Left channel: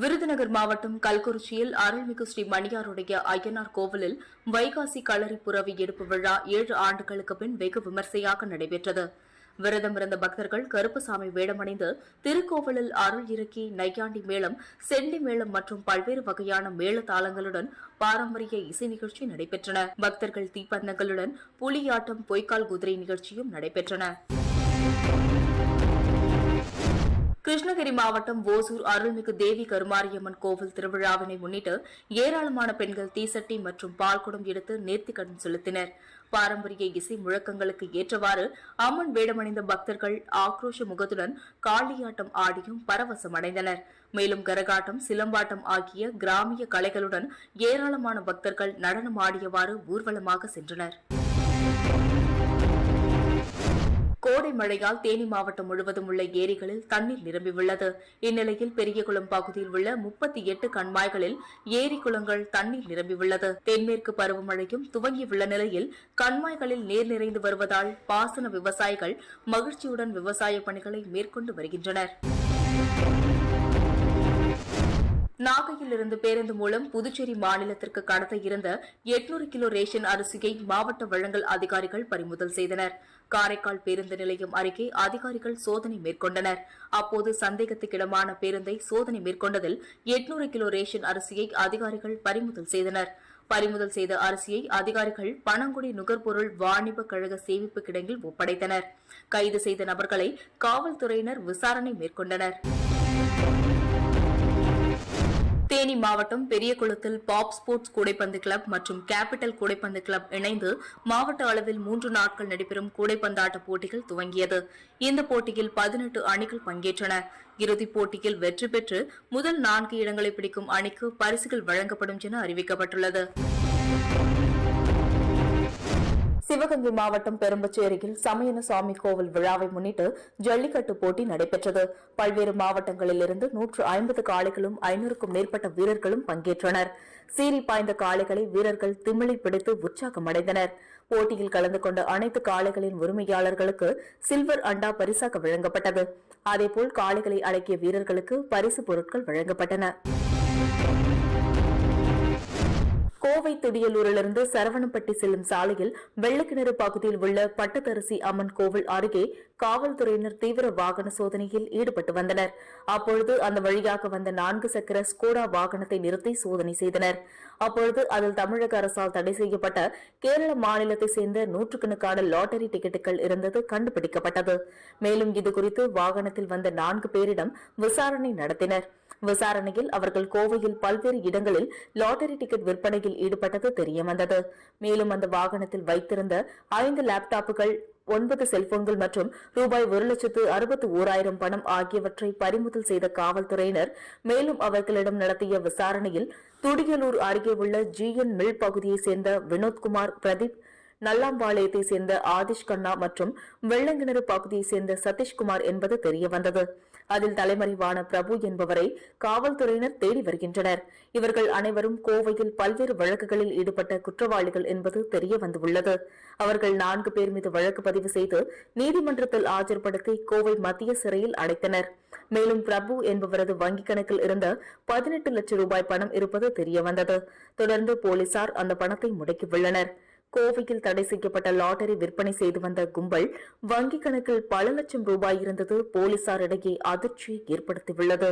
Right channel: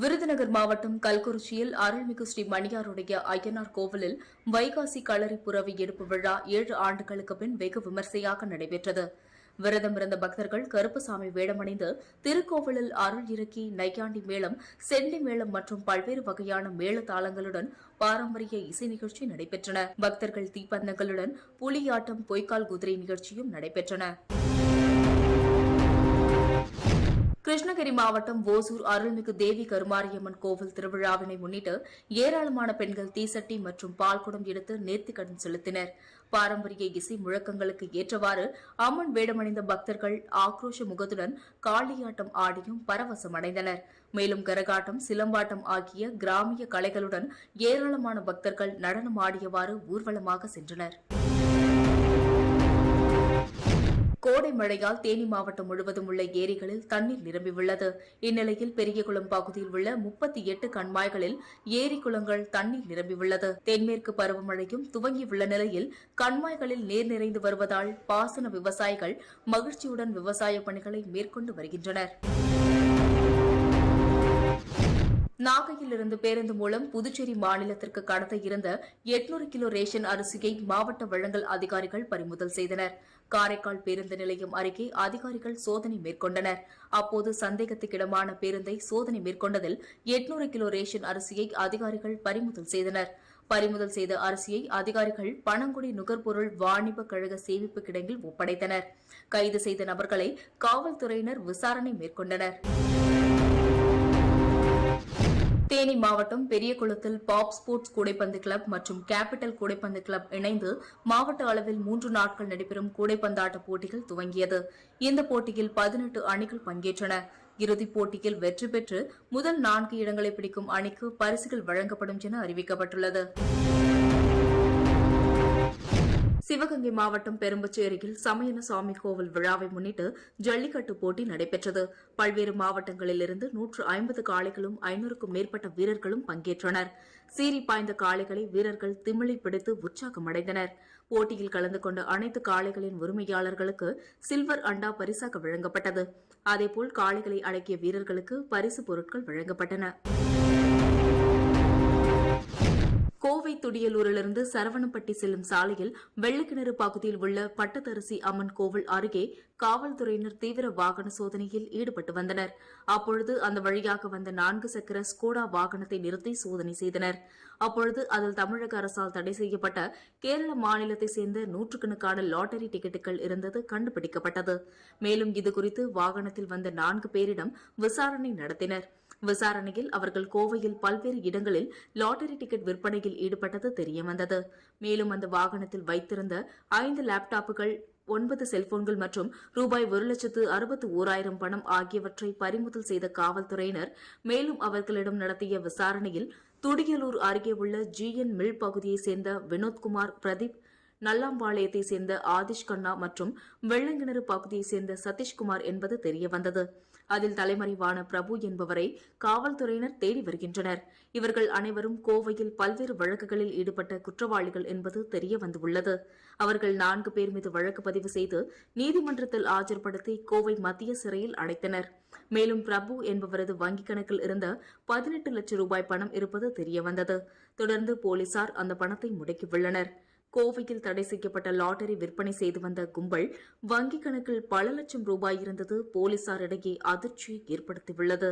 விருதுநகர் மாவட்டம் கல்குறிச்சியில் அருள்மிகு ஸ்ரீ மணியாருடைய ஐயனார் கோவிலில் வைகாசி களரி புரவி எடுப்பு விழா ஏழு ஆண்டுகளுக்கு பின் வெகு விமர்சையாக நடைபெற்றது. விரதமிருந்த பக்தர்கள் கருப்புசாமி வேடமணிந்து திருக்கோவிலில் அருள் இறக்கி நையாண்டி மேளம் செண்டி மேளம் மற்றும் பல்வேறு வகையான மேள தாளங்களுடன் பாரம்பரிய இசை நிகழ்ச்சி நடைபெற்றன. பக்தர்கள் தீப்பந்தங்களுடன் புலியாட்டம் பொய்க்கால் குதிரை நிகழ்ச்சியும் நடைபெற்றன. கிருஷ்ணகிரி மாவட்டம் ஓசூர் அருள்மிகு தேவி கருமாரியம்மன் கோவில் திருவிழாவினை முன்னிட்டு ஏராளமான பெண்கள் தீசட்டி மற்றும் பால்குடம் எடுத்து நேர்த்திக்கடன் செலுத்தினர். பாரம்பரிய இசை முழக்கங்களுக்கு ஏற்றவாறு அம்மன் வேடமணிந்த பக்தர்கள் ஆக்ரோஷ முகத்துடன் காளியாட்டம் ஆடியும் பரவசமடைந்தனர் மேலும் கரகாட்டம் சிலம்பாட்டம் ஆகிய கிராமிய கலைகளுடன் ஏராளமான பக்தர்கள் நடனம் ஆடியவாறு ஊர்வலமாக சென்றனர். கோடை மழையால் தேனி மாவட்டம் முழுவதும் உள்ள ஏரிகளில் தண்ணீர் நிரம்பியுள்ளது. இந்நிலையில் பெரியகுளம் பகுதியில் உள்ள முப்பத்தி எட்டு கண்மாய்களில் ஏரி குளங்கள் தண்ணீர் நிரம்பியுள்ளது. தென்மேற்கு பருவமழையும் துவங்கியுள்ள நிலையில் கண்மாய்களில் நீர் நிறைந்து வருவதால் பாசன விவசாயிகள் மகிழ்ச்சியுடன் விவசாய பணிகளை மேற்கொண்டு வருகின்றனர். நாகையிலிருந்து பேருந்து மூலம் புதுச்சேரி மாநிலத்திற்கு கடத்த இருந்த எட்நூறு கிலோ ரேஷன் அரிசியை மாவட்ட வழங்கல் அதிகாரிகள் பறிமுதல் செய்தனர். காரைக்கால் பேருந்து நிலையம் அருகே அதிகாரிகள் சோதனை மேற்கொண்டனர். அப்போது சந்தேகத்துக்கிடமான பேருந்தை சோதனை மேற்கொண்டதில் எட்நூறு கிலோ ரேஷன் அரிசியை அதிகாரிகள் பறிமுதல் செய்தனர். பறிமுதல் செய்த அரிசியை அதிகாரிகள் பனங்குடி நுகர்பொருள் வாணிப கழக சேமிப்பு கிடங்கில் ஒப்படைத்தனர். கைது செய்த நபர்களை காவல்துறையினர் விசாரணை மேற்கொண்டனர். தேனி மாவட்டம் பெரியகுளத்தில் பாப் ஸ்போர்ட்ஸ் கூடைப்பந்து கிளப் மற்றும் கேபிட்டல் கூடைப்பந்து கிளப் இணைந்து மாவட்ட அளவில் மூன்று நாட்கள் நடைபெறும் கூடைப்பந்தாட்ட போட்டிகள் துவங்கியது. இந்த போட்டியில் பதினெட்டு அணிகள் பங்கேற்றன. இறுதிப் போட்டியில் வெற்றி பெற்று முதல் நான்கு இடங்களை பிடிக்கும் அணிக்கு பரிசுகள் வழங்கப்படும் என அறிவிக்கப்பட்டுள்ளது. சிவகங்கை மாவட்டம் பெரும்பச்சேரியில் சமயன சுவாமி கோவில் விழாவை முன்னிட்டு ஜல்லிக்கட்டு போட்டி நடைபெற்றது. பல்வேறு மாவட்டங்களிலிருந்து நூற்று ஐம்பது காளைகளும் ஐநூறுக்கும் மேற்பட்ட வீரர்களும் பங்கேற்றனர். சீறி பாய்ந்த காளைகளை வீரர்கள் திமிழி பிடித்து உற்சாகமடைந்தனர். போட்டியில் கலந்து கொண்ட அனைத்து காளைகளின் உரிமையாளர்களுக்கு சில்வர் அண்டா பரிசாக வழங்கப்பட்டது. அதேபோல் காளைகளை அடக்கிய வீரர்களுக்கு பரிசு பொருட்கள் வழங்கப்பட்டன. கோவை துடியலூரிலிருந்து சரவணப்பட்டி செல்லும் சாலையில் வெள்ளக்கிணறு பகுதியில் உள்ள பட்டத்தரசி அம்மன் கோவில் அருகே காவல்துறையினர் தீவிர வாகன சோதனையில் ஈடுபட்டு வந்தனர். அப்பொழுது அந்த வழியாக வந்த நான்கு சக்கர ஸ்கோடா வாகனத்தை நிறுத்தி சோதனை செய்தனர். அப்பொழுது அதில் தமிழக அரசால் தடை செய்யப்பட்ட கேரள மாநிலத்தைச் சேர்ந்த நூற்றுக்கணக்கான லாட்டரி டிக்கெட்டுகள் இருந்தது கண்டுபிடிக்கப்பட்டது. மேலும் இதுகுறித்து வாகனத்தில் வந்த நான்கு பேரிடம் விசாரணை நடத்தினர். விசாரணையில் அவர்கள் கோவையில் பல்வேறு இடங்களில் லாட்டரி டிக்கெட் விற்பனையில் ஈடுபட்டது தெரியவந்தது. மேலும் அந்த வாகனத்தில் வைத்திருந்த ஐந்து லேப்டாப்புகள் ஒன்பது செல்போன்கள் மற்றும் ரூபாய் ஒரு லட்சத்து அறுபத்து ஓராயிரம் பணம் ஆகியவற்றை பறிமுதல் செய்த காவல்துறையினர் மேலும் அவர்களிடம் நடத்திய விசாரணையில் துடியலூர் அருகே உள்ள ஜிஎன் மில் பகுதியைச் சேர்ந்த வினோத்குமார் பிரதீப் நல்லாம்பாளையத்தைச் சேர்ந்த ஆதிஷ் கண்ணா மற்றும் வெள்ளங்கிணறு பகுதியைச் சேர்ந்த சதீஷ்குமார் என்பது தெரியவந்தது. அதில் தலைமறைவான பிரபு என்பவரை காவல்துறையினர் தேடி வருகின்றனர். இவர்கள் அனைவரும் கோவையில் பல்வேறு வழக்குகளில் ஈடுபட்ட குற்றவாளிகள் என்பது தெரிய வந்துள்ளது. அவர்கள் நான்கு பேர் மீது வழக்கு பதிவு செய்து நீதிமன்றத்தில் ஆஜர்படுத்தி கோவை மத்திய சிறையில் அடைத்தனர். மேலும் பிரபு என்பவரது வங்கிக் கணக்கில் இருந்த பதினெட்டு லட்சம் ரூபாய் பணம் இருப்பது தெரியவந்தது தொடர்ந்து போலீசார் அந்த பணத்தை முடக்கியுள்ளனர் கோவையில் தடை செய்யப்பட்ட லாட்டரி விற்பனை செய்து வந்த கும்பல் வங்கிக் கணக்கில் பல லட்சம் ரூபாய் இருந்தது போலீசாரிடையே அதிர்ச்சியை ஏற்படுத்தியுள்ளது.